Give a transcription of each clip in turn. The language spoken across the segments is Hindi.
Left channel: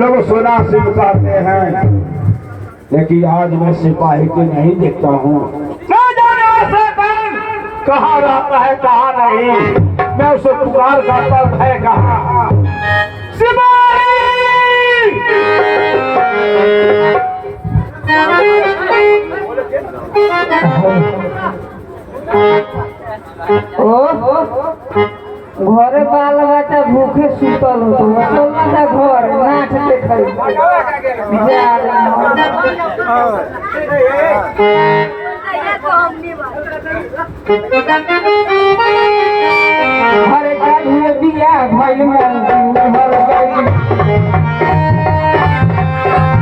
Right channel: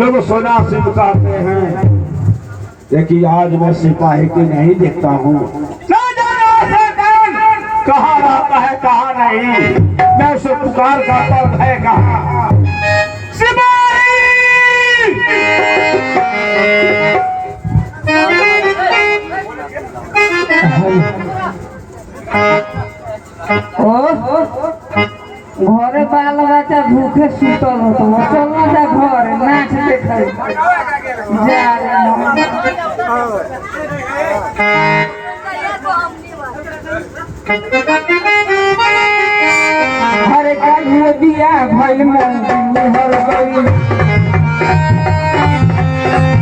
लोग सोना सिमकाते हैं, लेकिन आज मैं सिपाही को नहीं देखता हूँ। कहाँ रहता है कहाँ नहीं, मैं उसे पुकार करता है कहाँ। सिपाही घरे बाल बच्चा भूखे सुतल हो तो चल ना घर नाच देखे जा हरे काहे बिया भइल मन हर गई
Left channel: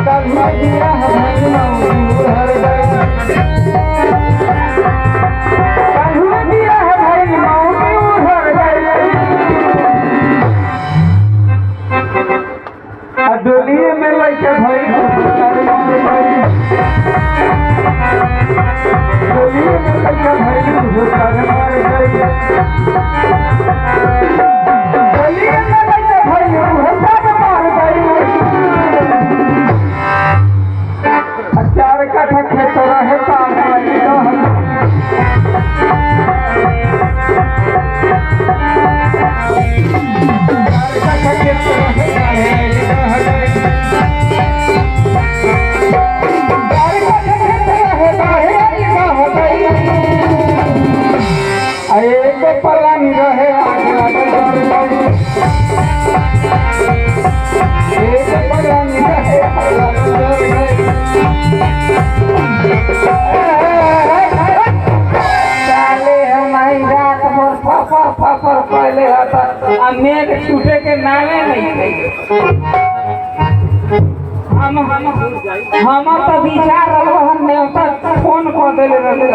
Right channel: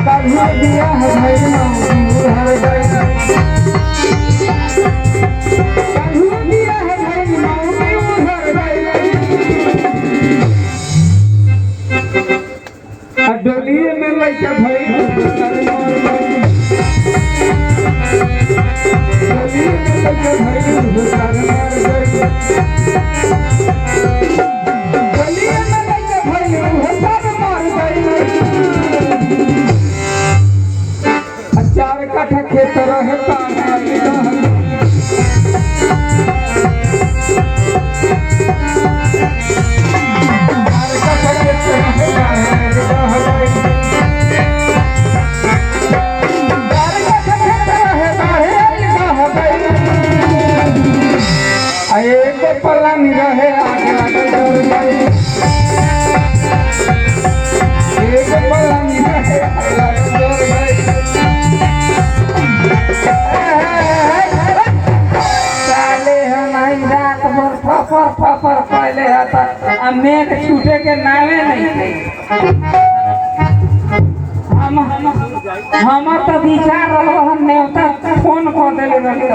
काहे बिया भइल मन हर गई काहे बिया भइल मन हर गई डोलिए में लइका भइल डोलिए में लइका भइल भूखा मार गई डोलिए में लइका भइल भूखा मार गई कट्ठा खेत रहे पल्ला नहीं रहे मेघ छूटे के नामे नहीं हमर तो विचार न्योता फोन कर दिले रही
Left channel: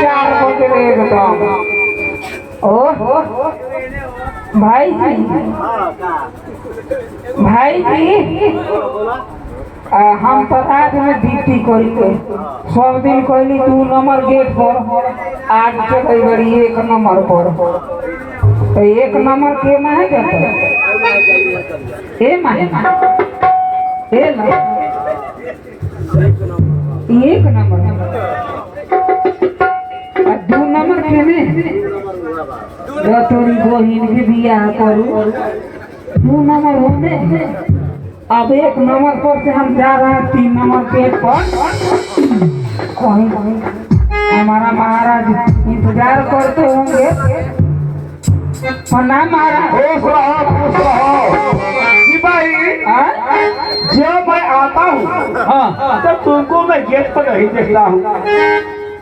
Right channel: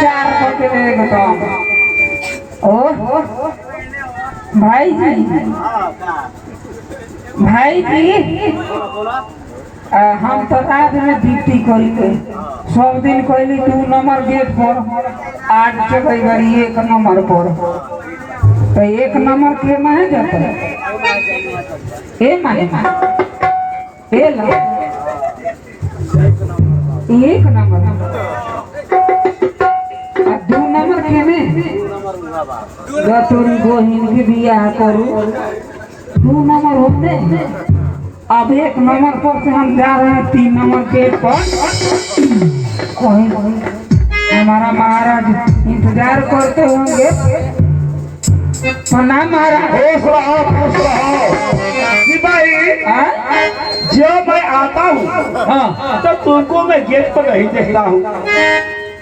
4 बजे एकदम ओ भाई जी हम तो रात में ड्यूटी करी सब दिन कहली 2 नंबर गेट पर आज के कई बार 1 नंबर पर तो 1 नंबर के माने जाता ए माने ए ला 1 नंबर 2 नंबर के में तोरी बहिन के बियाह करू 2 नंबर होते अब 1 नंबर पर से हम जा रहे हैं 3 नंबर गेट पर कहीं हमारा महाराज इंतजार करते होंगे प्रणाम महाराज खुश रहो सिपाही जब मैं आता हूँ तो तुमको मैं गेट पर नहीं देखता हूँ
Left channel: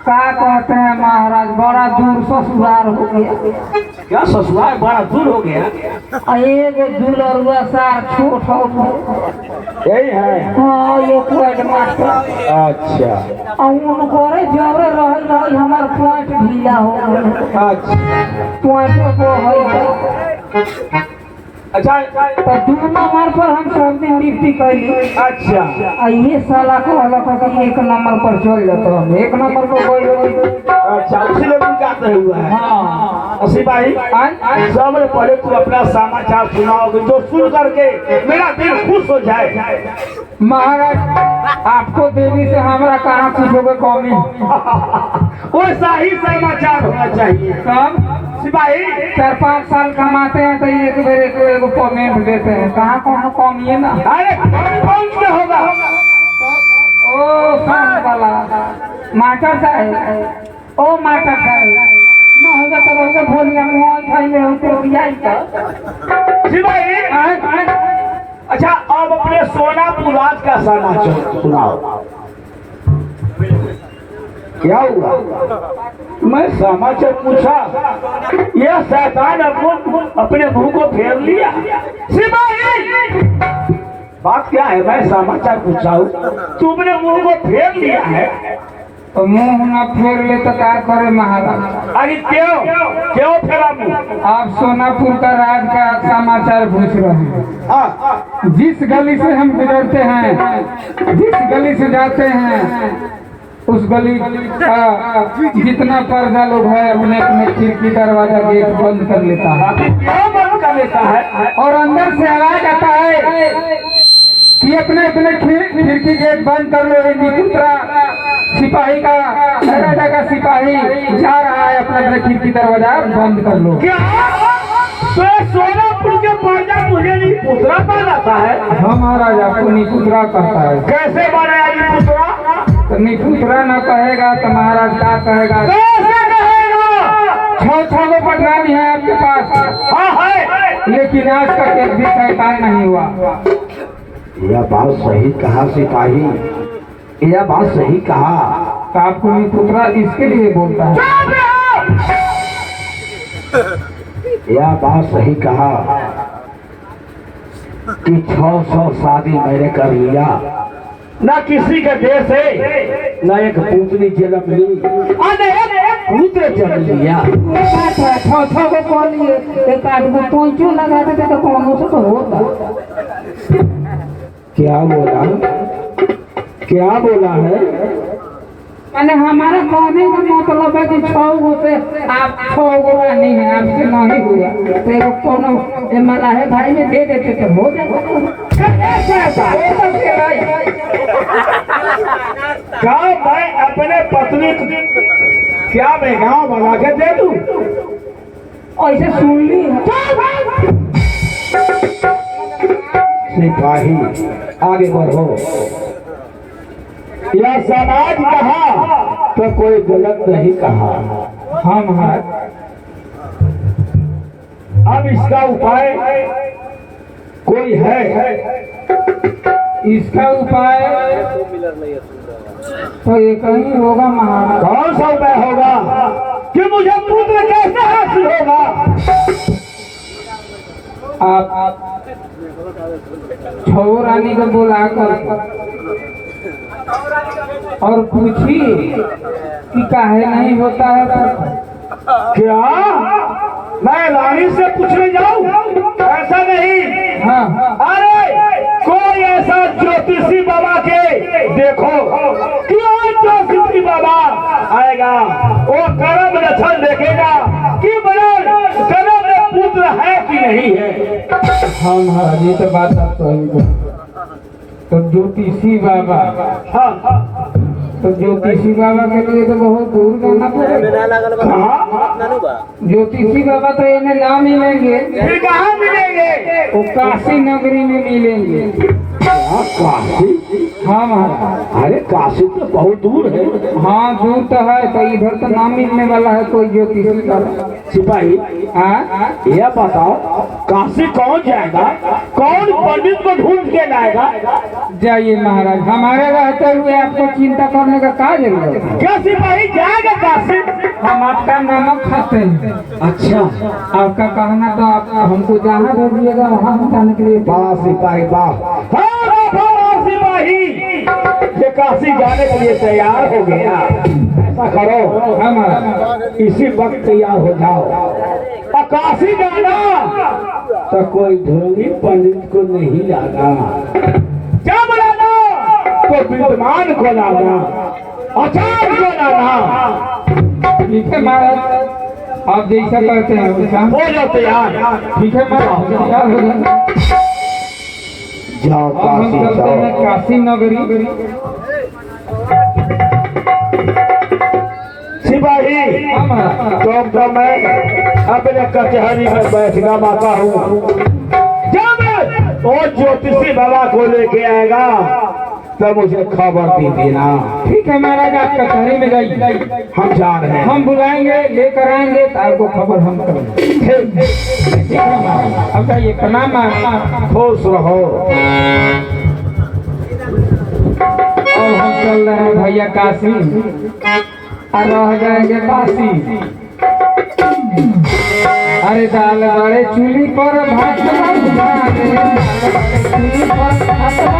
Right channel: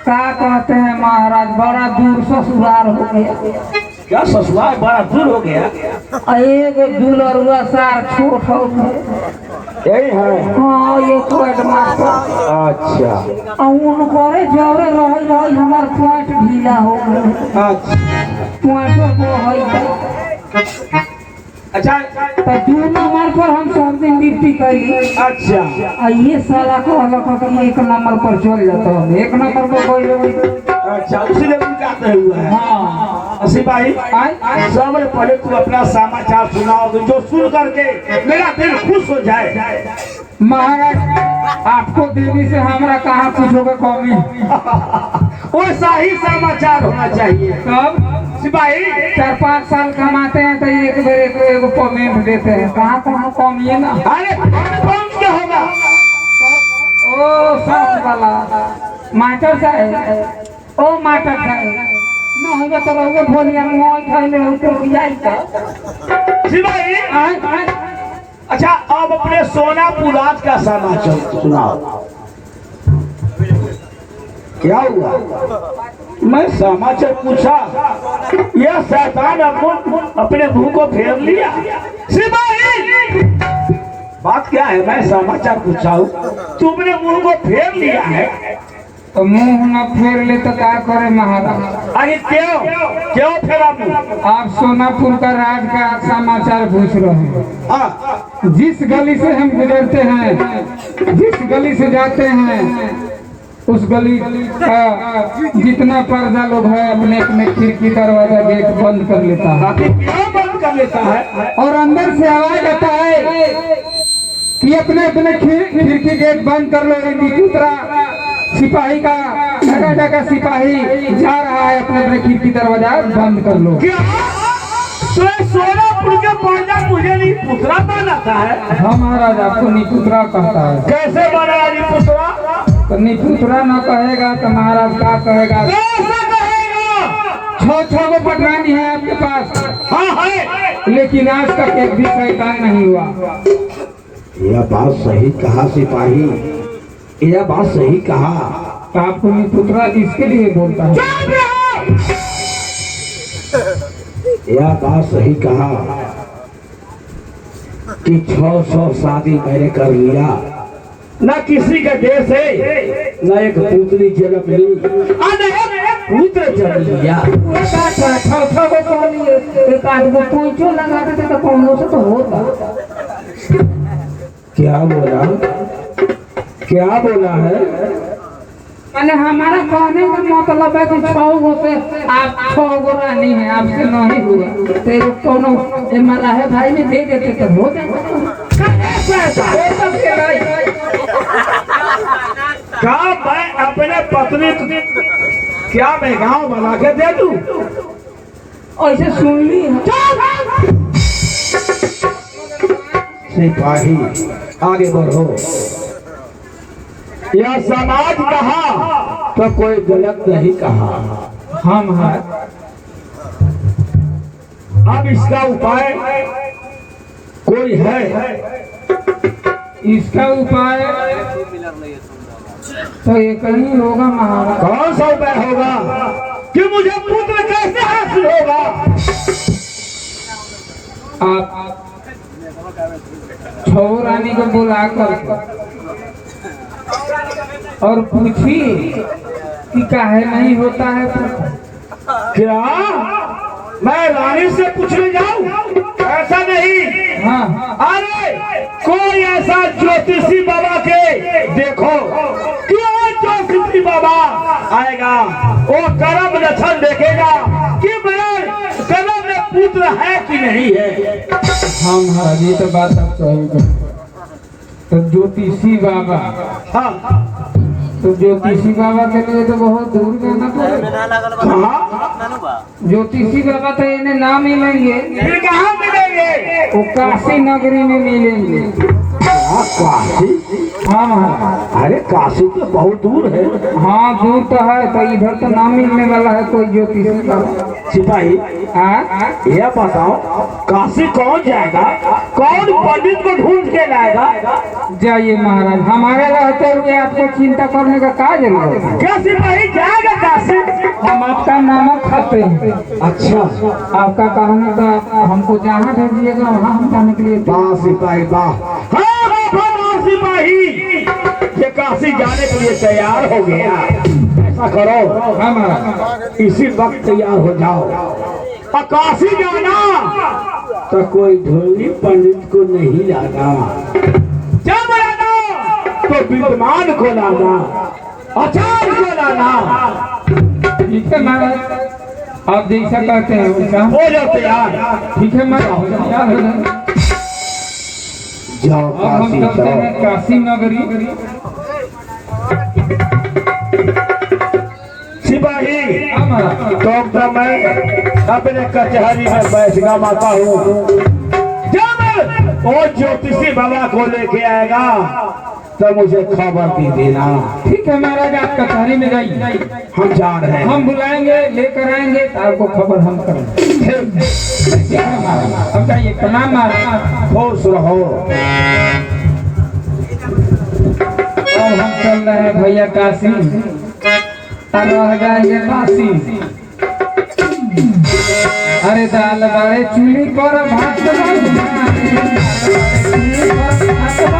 क्या कहते हैं महाराज बड़ा दूर ससुराल हो गया क्या ससुराल बड़ा दूर हो गया एक दुलरुआ सार छोट हो यही है हाँ ये कोट मास्टर अच्छा उन करे जोरे रही हमार पॉइंट ढीला हो अच्छा पॉइंटो को होई अच्छा तो 2 नंबर पर हम सब दिन ड्यूटी कैली अच्छा ये साला को अलग कि 1 नंबर पर चल जाता हम 1 नंबर पर कोई अच्छा उसी लेवल का आता हुआ है हाँ सिपाही सबसे पहले तू अपना समाचार सुनाओगे जो सुन करके मेरा दिल खुश हो जाए महाराज आपको देने से हमारा कहाँ कुछ होगा कमी वैसा ही समाचार होना चाहिए कब सिपाही 4-5 साल कमाते हैं तो एक बार एक पेमेंट देते हैं कहाँ कोनो कमी है ना अरे कौन से होगा ओ साथ वाला मास्टर साहब ओ मास्टर साहब न होगा तो रहोगे भोलिया मुँह खाइले हो तो बियाई का सिपाही अच्छा अब अपने सोनापुर राज का समाचार सुनाओ क्या हुआ मैं समाचार पूछा यह शैतान अपने मुंह को फेर लिया सिपाही बात क्या है मैं समाचार पूछा हूँ तुमने मुंह को फेर लिया है तो मुंह न फेर ले तो क्या करे महाराज अरे क्यों फेरा मुंह आप सोनापुर का राज का समाचार पूछ रहे हैं जिस गली से हम गुजरते हैं जिस गली से जाते हैं उस गली का जितना पर्दा लोग है अपने अपने खिड़की दरवाजा गेट बंद कर लेता है क्यों बंद कर लेता है और अंदर से आवाज आता है कि अपने अपने खिड़की गेट बंद कर लो दूसरा सिपाही का जगह सिपाही जा रहा है अपने अपने खिड़की दरवाजा बंद कर लो क्या तो सोनापुर के पर्दा मुझे नहीं पुतरा बनाता है हाँ महाराज आपको निपुत्रा कहता है कैसे बनेगा निपुतरा तो निपुत्रा न कहेगा तो महाराज क्या कहेगा कैसे कहेगा 6 को पटरानी है आपके पास हाँ है लेकिन आज तक एक भी शैतान नहीं हुआ यह बात सही कहा सिपाही यह बात सही कहा तो आपको निपुत्रा इसके लिए बोलता है यह बात सही कहा कि 600 शादी मैंने कर लिया न किसी का देश है न एक पुत्री जन्म ली पुत्र जन्म लिया 6 को कौन लिए एक आदमी पोंचो लगाते थे तो कौन से तो होता क्या बोला है मैंने हमारा कहने का मतलब है कि 6 गो से आप 6 गो रानी है आपसे नहीं हुआ तो कोनो मला है भाई में दे देते तो हो जाता अपने पत्नी क्या मैं गाँव बना के दे दूं? ऐसे सुन ली सिपाही आगे बढ़ो। यह समाज कहा तो कोई गलत नहीं कहा। हाँ महाराज। अब इसका उपाय कोई है? इसका उपाय तो एक ही होगा महाराज। कौन सा उपाय होगा कि मुझे पुत्र कैसे हासिल होगा? आप छो रानी को बुला कर और पूछिए कि काहे नहीं होता है। क्या मैं रानी से पूछने जाऊं? ऐसा नहीं। हाँ अरे कोई ऐसा ज्योतिषी बाबा के देखो कि वो ज्योतिषी बाबा आएगा, वो कर्म लक्षण देखेगा कि मेरे कर्म में पुत्र है कि नहीं है। हाँ महाराज, ये तो बात आप सही। तो ज्योतिषी बाबा, हाँ तो ज्योतिषी बाबा के लिए तो बहुत दूर जाना पड़ेगा। कहाँ? ज्योतिषी बाबा तो इन्हें ना मिलेंगे। फिर कहाँ मिलेंगे? वो काशी नगरी में मिलेंगे। काशी? हाँ महाराज। अरे काशी तो बहुत दूर है। हाँ दूर तो है, तो इधर तो ना मिलने वाला है कोई ज्योतिषी बाबा। सिपाही हाँ यह बताओ, काशी कौन जाएगा? कौन पंडित को ढूंढ के लाएगा? जाइए महाराज, हमारे रहते हुए आपको चिंता करने का क्या जरूरत है? क्या सिपाही जाएगा काशी? हम आपका नाम खाते हैं। अच्छा, आपका कहना तो आप हमको जहाँ भेजिएगा वहाँ हम जाने के लिए। वाह सिपाही वाह। हाँ वाह सिपाही, ये काशी जाने के लिए तैयार हो गया। ऐसा करो, हाँ महाराज। इसी वक्त तैयार हो जाओ और काशी जाना तो कोई ढोंगी पंडित को नहीं लाना। जब लाना तो विद्वान को लाना, आचार्य को लाना। ठीक है महाराज, आप जैसा कहते हैं वैसा हो जाओ तैयार। ठीक है महाराज, तैयार हो जाए। जाओ अब हम काशी चलते जाओ। हैं काशी नगरी। सिपाही हाँ महाराज। तो मैं अपने कचहरी में बैठना माता हूँ। जब वो ज्योतिषी बाबा को लेके आएगा तब मुझे खबर दे देना। ठीक है महाराज, आप कचहरी में जाइए, हम जा रहे हैं। हम बुलाएंगे, लेकर आएंगे तो आपको खबर हम करेंगे। ठीक है महाराज, अब जाइए। प्रणाम महाराज। खुश रहो। और हम चल रहे हैं भैया काशी, और रह जाएंगे बासी। अरे दाल वाले चूल्ही पर भात उठारे, चूल्ही पर भात उठारे,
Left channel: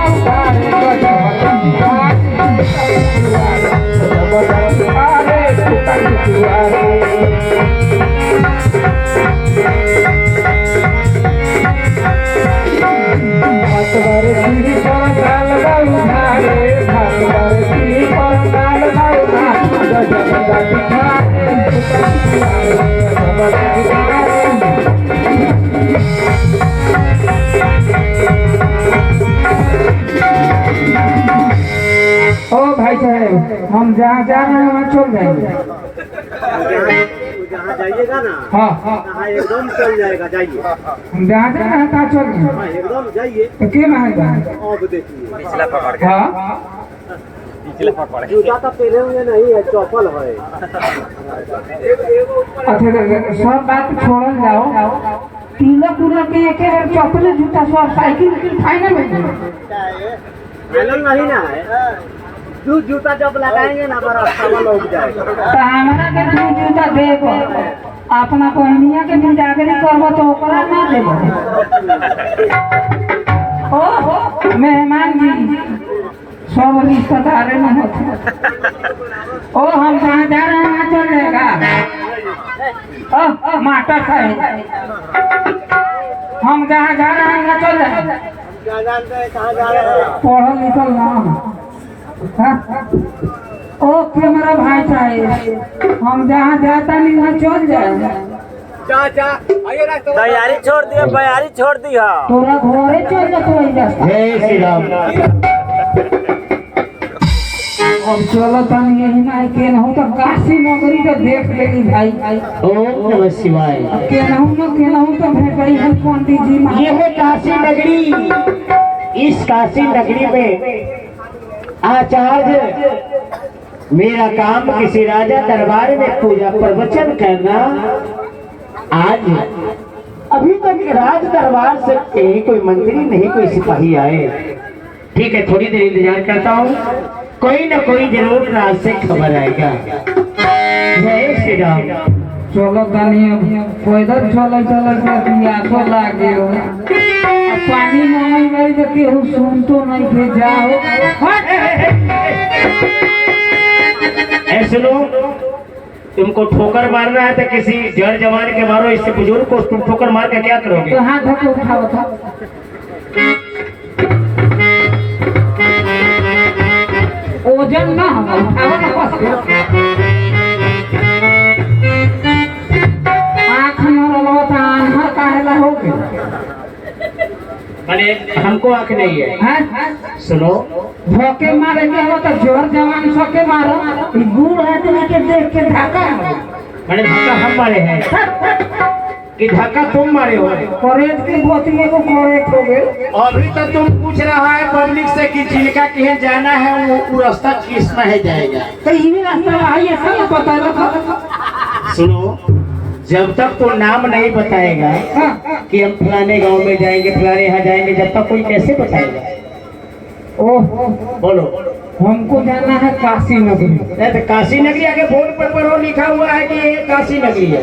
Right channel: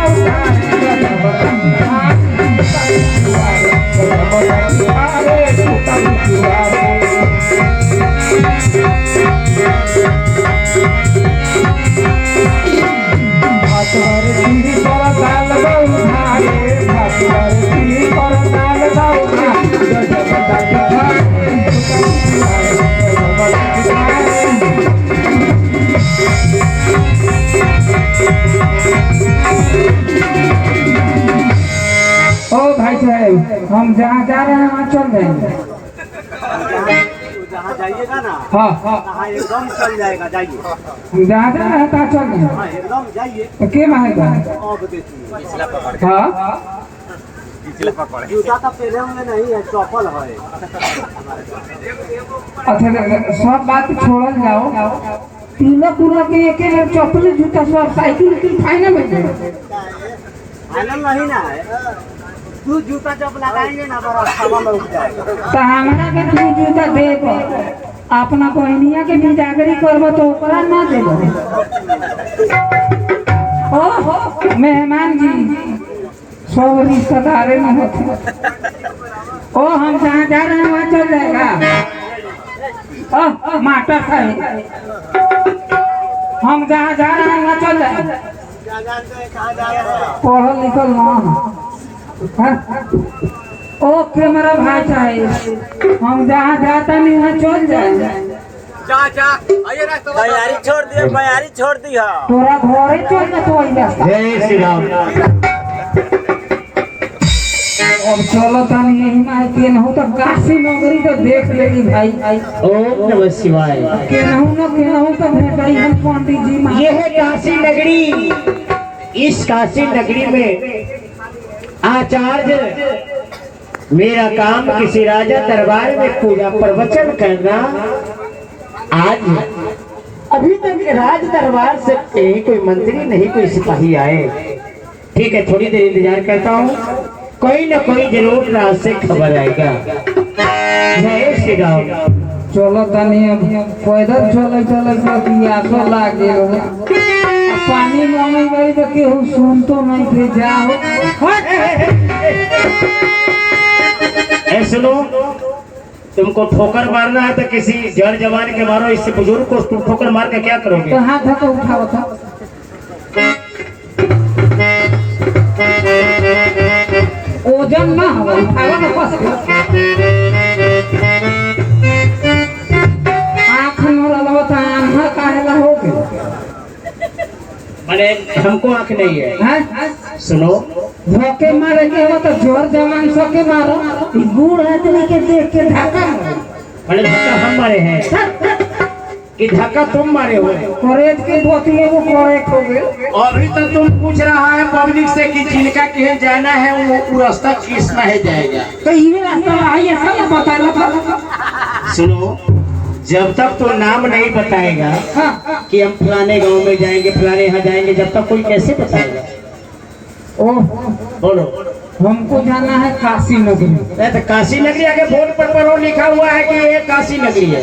हम जहाँ जा रहे हैं वहाँ चल जाएंगे। जहाँ जाइएगा ना, हाँ वहाँ एकदम चल जाएगा। जाइए, हम जहाँ जा रहे हैं कहाँ चल जाएंगे। हाँ एकदम जाइए। तो के महंगा और देखिए, हाँ जूता तो पहने हुए नहीं है, चौपल है। अच्छा सब बात छोड़ल जाओ। तीनों कुलों के एक चौपले जूता सब साइकिल की फाइनल में फाइनल नहीं ना है, दो जूता जब लगाएंगे ना बड़ा सामान लग जाएगा। तो हमरा के दू जूता देबो, अपना बहनिया के बिदागरी करबो तो ओकरा ना देबो। ओ मेहमान जी, सब रिश्तेदार नहीं होते। ओ हम जहाँ जा रहे हैं वहाँ चल जाएगा। ओ मास्टर साहब, हम जहाँ जा रहे हैं वहाँ चल जाएगा। क्या जानते हैं कहाँ जा रहे हैं? पढ़ल लिखल ना। ओके मेरा भाई साहब, हम जहाँ जाता नहीं वहाँ चल जाए। बयारी छोड़ दिया, बयारी छोड़ दिया। तोरा घरे चल जा, तू रास्ता। जय श्री राम। अब चलो तनी यही में केनहू तो काशी नगरी तो देख लेनी भाई। ओम नमः शिवाय। केनहू तो भेटाई है पंडित जी महाराज। ये है काशी नगरी। इस काशी नगरी में आचार्य मेरा काम किसी राजा दरबार में पूजा प्रवचन करना। आज अभी तक राज दरबार से कहीं कोई मंत्री नहीं कोई सिपाही आए। ठीक है, थोड़ी देर इंतजार करता हूँ, कोई ना कोई जरूर राज से खबर आएगा। जय श्री राम। चलो तनी अब पैदल चल प्यासो लागे हो। पानी मांगे गई तो केहू सुन तो नहीं थे जाओ। सुनो, तुमको ठोकर मारना है तो किसी जड़ जवान के मारो, इससे बुजुर्ग को तुम ठोकर मार के क्या करोगे? तो हाथ धो उठाओ था। ओजन ना हो, उठाओ ना बस। आँख मरलो तो आंधा काहेला हो गया? अरे हमको आँख नहीं है। हैं? सुनो, धोखे मारे के हो तो जोर जवान सके मारो। ई बूढ़ आदमी के देख के धक्का अरे धक्का हम मारे हैं कि धक्का तुम मारे हो? करेज के बोतिए को करेक्ट हो गए। अभी तो तुम पूछ रहा है पब्लिक से कि जिनका कहे जाना है वो रास्ता किस में है जाएगा। तो ये रास्ता आइए सब बता दो। सुनो, जब तक तो नाम नहीं बताएगा कि हम फलाने गांव में जाएंगे, फलाने यहाँ जाएंगे, जब तक कोई कैसे बताएगा? ओह बोलो। हमको जाना है काशी नगरी। नहीं तो काशी नगरी आगे बोर्ड पर लिखा हुआ है कि ये काशी नगरी है।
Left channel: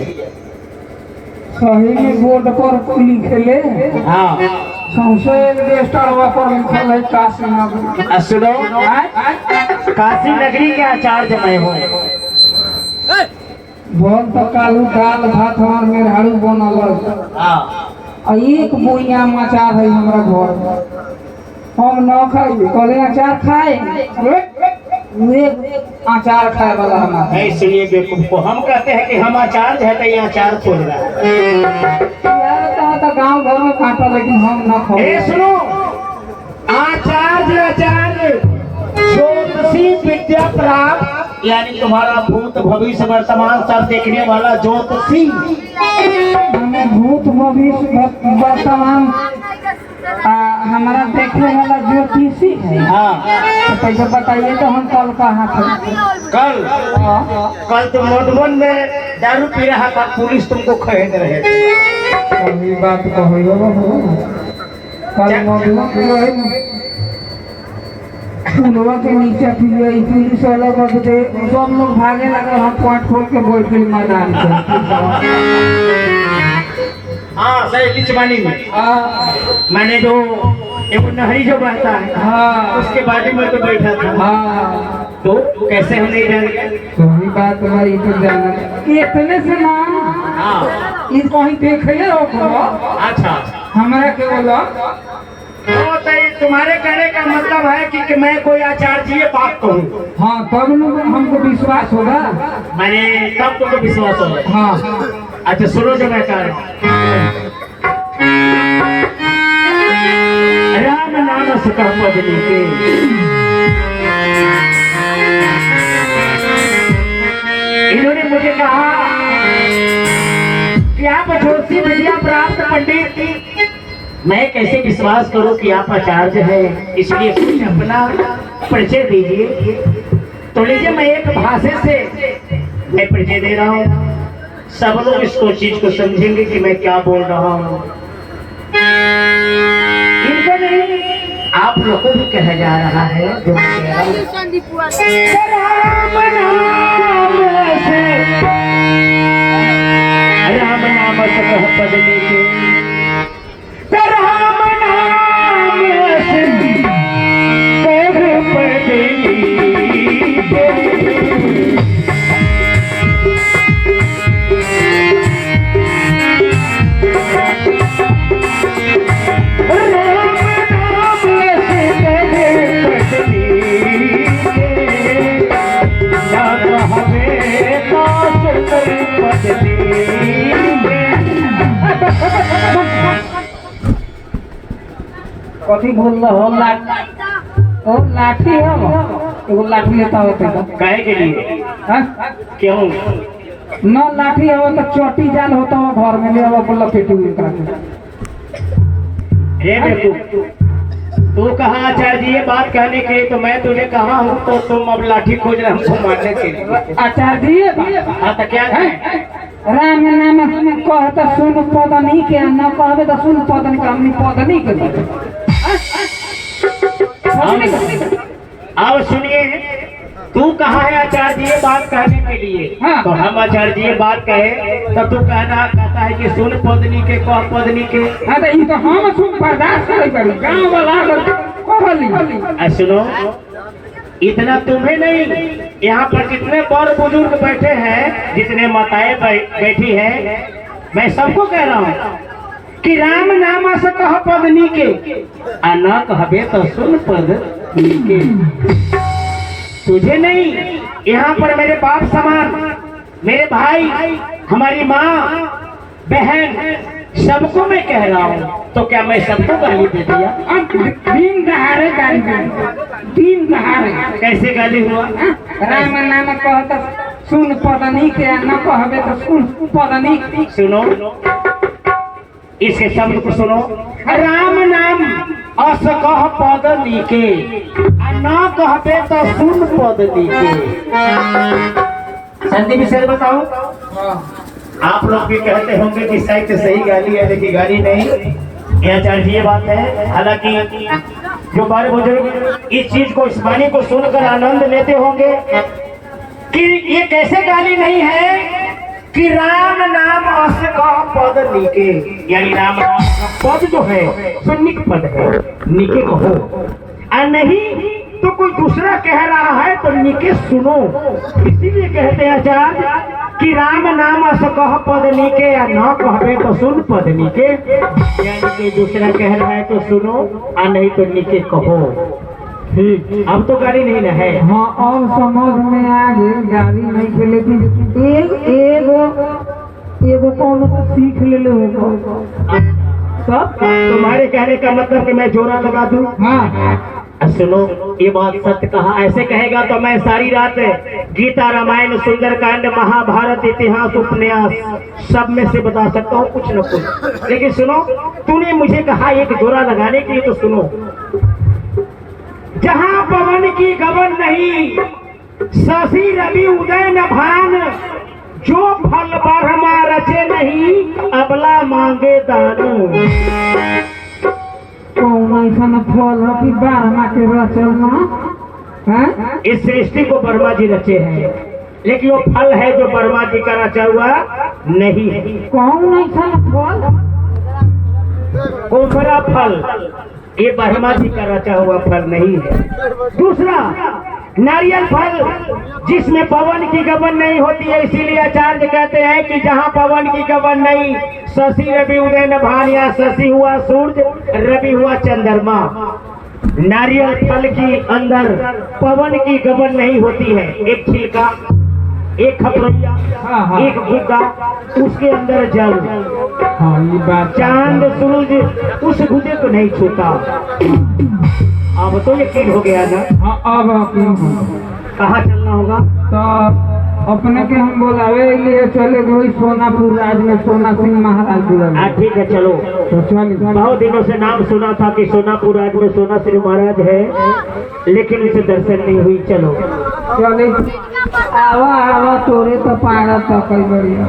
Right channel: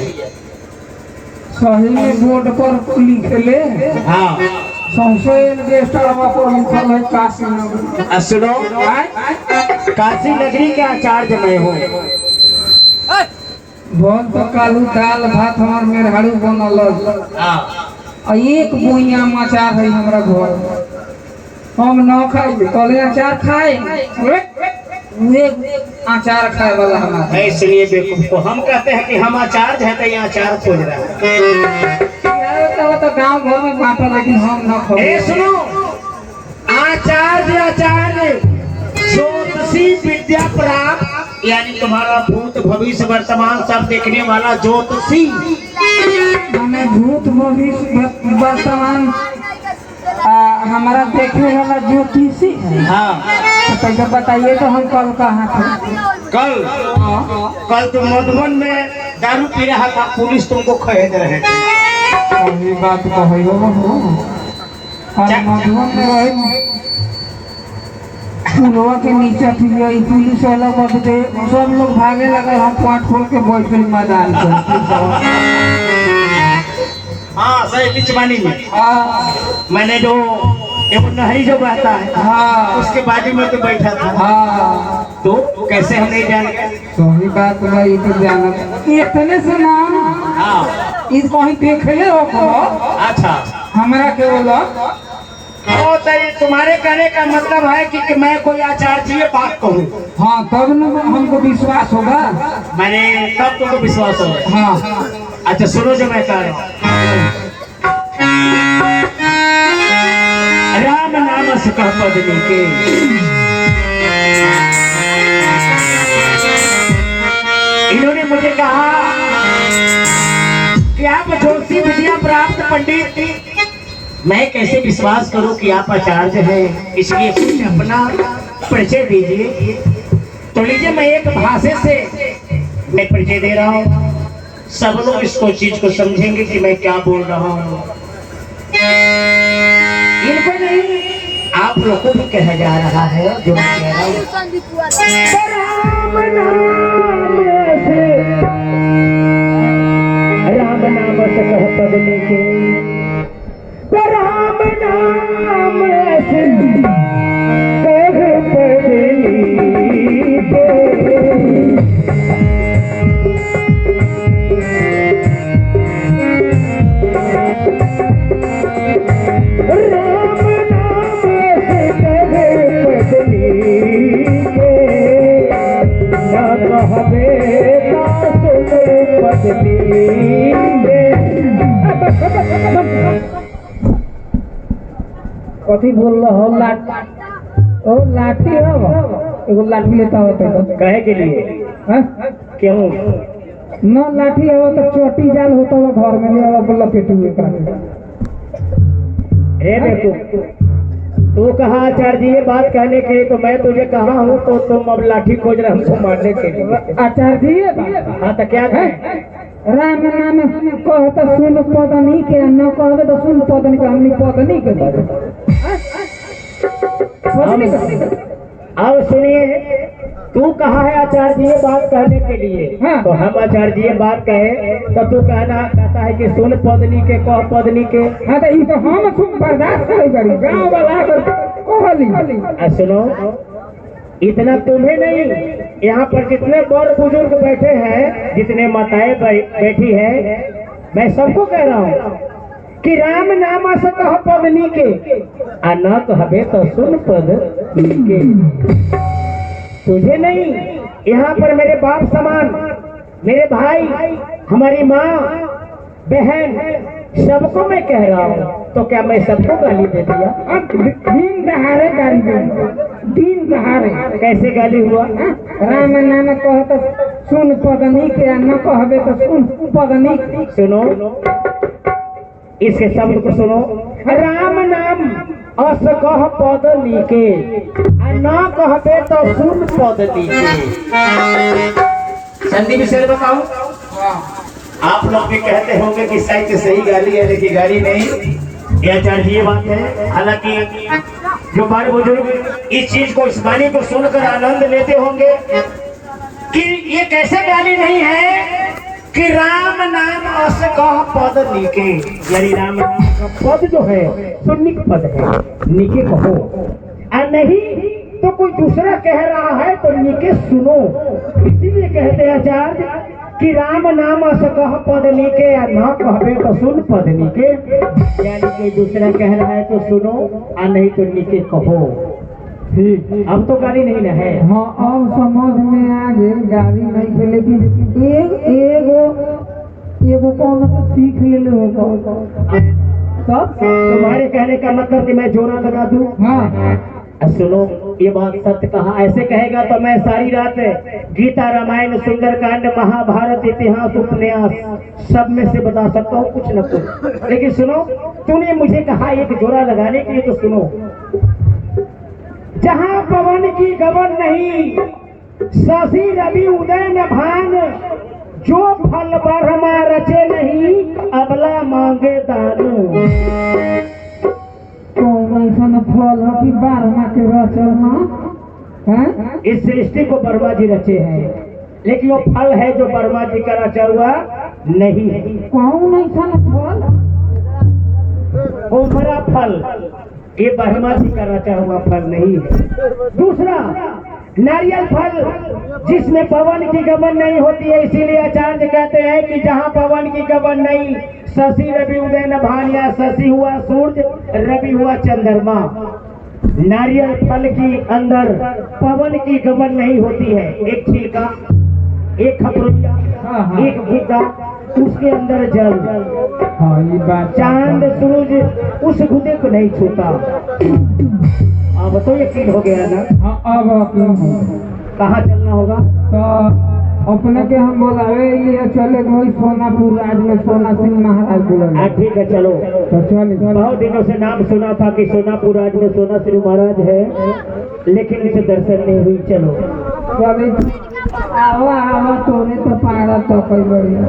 सही में बोर्ड पर लिखे ले। हाँ, सबसे रजिस्टरवा पर लिखल है काशी नगरी। सुनो, काशी नगरी के आचार्य मैं हूँ। बहुत तो कालू दाल भात हमार मेहरारू बनल और एक बोइया अचार है हमारा घर। हम न खाई कले अचार खाए वे अचार खाए वाला हमारा। नहीं सुनिए बेवकूफ को, हम कहते हैं कि हम आचार्य है तो ये आचार खोज रहा है। तो गांव घर में बांटा, लेकिन हम न खाए। सुनो, आचार्य ज्योतिषी विद्या प्राप्त, यानी तुम्हारा भूत भविष्य वर्तमान सब देखने वाला ज्योतिषी। हमें भूत भविष्य वर्तमान हमारा देखने वाला ज्योतिषी है। हाँ, तो पहले बताइए तो हम कल कहाँ थे? कल तुम मधुबन में दारू पी रहा था, पुलिस तुमको खरीद रहे थे। सही बात कही हो। कल मधुबन में रहे पुलवा के नीचे थी, पुलिस वाला बदले सब लोग भागे लगे। हम पाट खोल के बैठ गए मैदान पे। हाँ सही, बिचवानी में मैंने जो एक नहरी जो बहता है, हाँ उसके बाजू में तो बैठा था। हाँ, तो कैसे हम नहीं जान गए? सही बात भाई, तो जाना इतने से ना। हाँ, इस कहीं देखे हो अच्छा, हमारा के बोलो। तो ये तुम्हारे कहने का मतलब है कि मैं कोई आचार्य बात कहूँ? हाँ, तब न हमको विश्वास होगा। मैंने तब तुमको विश्वास होगा। हाँ, अच्छा सुनो जो मैं कह रहा हूँ। राम नाम से कह पदनी के, इन्होंने मुझे कहा कि आप ज्योतिषी विद्या प्राप्त पंडित, मैं कैसे विश्वास करूं कि आप आचार्य हैं, इसलिए कुछ अपना परिचय दीजिए। तो लीजिए, मैं एक भाषा से मैं परिचय दे रहा हूँ, सब लोग इसको चीज को समझेंगे कि मैं क्या बोल रहा हूँ। इनको नहीं, आप लोग को भी कहा जा रहा है जो मैं कह रहा हूँ। राम नाम से कह पद लेके, राम नाम से कह पद लेके। कथी बोल रहा हो? ओ लाठी है, एगो लाठी लेता होते कहे के लिए हाँ? क्यों? न लाठी हो तो चोटी जाल होता हुआ घर में ले आओ बोला पेटी हुए का हे बेवकूफ, तू कहाँ आचार्य जी ये बात कहने के लिए, तो मैं तुझे कहा हूँ तो तुम अब लाठी खोज रहे हमको मारने के लिए। आचार्य जी हाँ तो क्या है? राम नाम कहता सुन पदनी के न कहबे तो सुन पदनी के हमनी पदनी के अब सुनिए, तू कहाँ है आचार्य जी ये बात कहने के लिए? हाँ। तो हम आचार्य जी ये बात कहे तो तू कहता है कि सुन पदनी के कह पदनी के। हाँ तो ये तो हम सुन बर्दाश्त करे पड़ी गांव वाला कहली। सुनो, इतना तुम्हें नहीं, यहाँ पर जितने बड़ बुजुर्ग बैठे हैं, जितने माताएं बैठी हैं, मैं सबको कह रहा हूँ कि राम नाम से कह पदनी के, आ न कहबे तो सुन पदनी के। तुझे नहीं, यहाँ पर मेरे बाप समान, मेरे भाई, हमारी माँ, बहन, सबको मैं कह रहा हूँ। तो क्या मैं सबको गाली दे दिया? दिन दहाड़े गाली दे, दिन दहाड़े कैसे गाली हुआ? राम नाम कहता सुन पदनी के न कहबे तो सुन पदनी के। सुनो, इसके शब्द को सुनो। राम नाम अस कह पदनी के, आ न कहबे तो सुन पदनी के। संदीप विषय बताओ। आप लोग भी कहते होंगे कि साहित्य सही गाली है, लेकिन गाली नहीं, ये आचार्य जी ये बात है। हालांकि जो बड़े बुजुर्ग इस चीज को, इस वाणी को सुनकर आनंद लेते होंगे कि ये कैसे गाली नहीं है कि राम नाम अस कह पद निके, यानी राम नाम का पद जो है सो निक पद है, निके कहो। और नहीं तो कोई दूसरा कह रहा है तो निके सुनो। इसीलिए कहते हैं आचार्य कि राम नाम अस कह पद निके, या न कहबे तो सुन पद निके, यानी कोई दूसरा कह रहा है तो सुनो, और नहीं तो निके कहो। ठीक, अब तो गाली नहीं ना है। हाँ अब समझ में आ गई, गाली नहीं के, लेकिन एगो कौन तो सीख ले होगा सब। तुम्हारे कहने का मतलब कि मैं जोरा लगा दूं? हाँ सुनो, ये बात सत्य कहा। ऐसे कहेगा तो मैं सारी रात गीता, रामायण, सुंदरकांड, महाभारत, इतिहास, उपन्यास सब में से बता सकता हूँ कुछ न कुछ। लेकिन सुनो, तूने मुझे कहा एक जोरा लगाने के लिए, तो सुनो। जहाँ पवन की गबन नहीं, शशि रवि उदय न भान, जो फल ब्रह्मा रचे नहीं, अबला मांगे दान। कौन ऐसा फल है कि बारह के रचना है? इस सृष्टि को ब्रह्मा जी रचे हैं, लेकिन वो फल है जो ब्रह्मा जी का रचा हुआ नहीं है। कौन ऐसा फल? कोमरा फल, ये ब्रह्मा जी का रचा हुआ फल नहीं है। दूसरा, नारियल फल, जिसमें पवन की गबन नहीं होती है। इसीलिए आचार्य कहते हैं कि जहाँ पवन की गबन नहीं, शशि रवि उदय न भान, या शशि हुआ सूर्य, रवि हुआ चंद्रमा। नारियल फल की अंदर पवन की गबन नहीं होती है। एक छिलका, एक खपरिया, एक गुद्दा, उसके अंदर जल। हाँ ये बात, चांद सूरज उस गुदे को नहीं छूता। अब तो यकीन हो गया ना? हाँ अब कहाँ चलना होगा? तो अपने के हम बोलावे लिए चले गए सोनापुर राज में, सोना सिंह महाराज जुड़े। ठीक है, चलो। तो चलिए, बहुत दिनों से नाम सुना था कि सोनापुर राज में सोना सिंह महाराज है, लेकिन उसे दर्शन नहीं हुई। चलो चलिए, आवा आवा तोरे तो पाड़ा तो कई बढ़िया।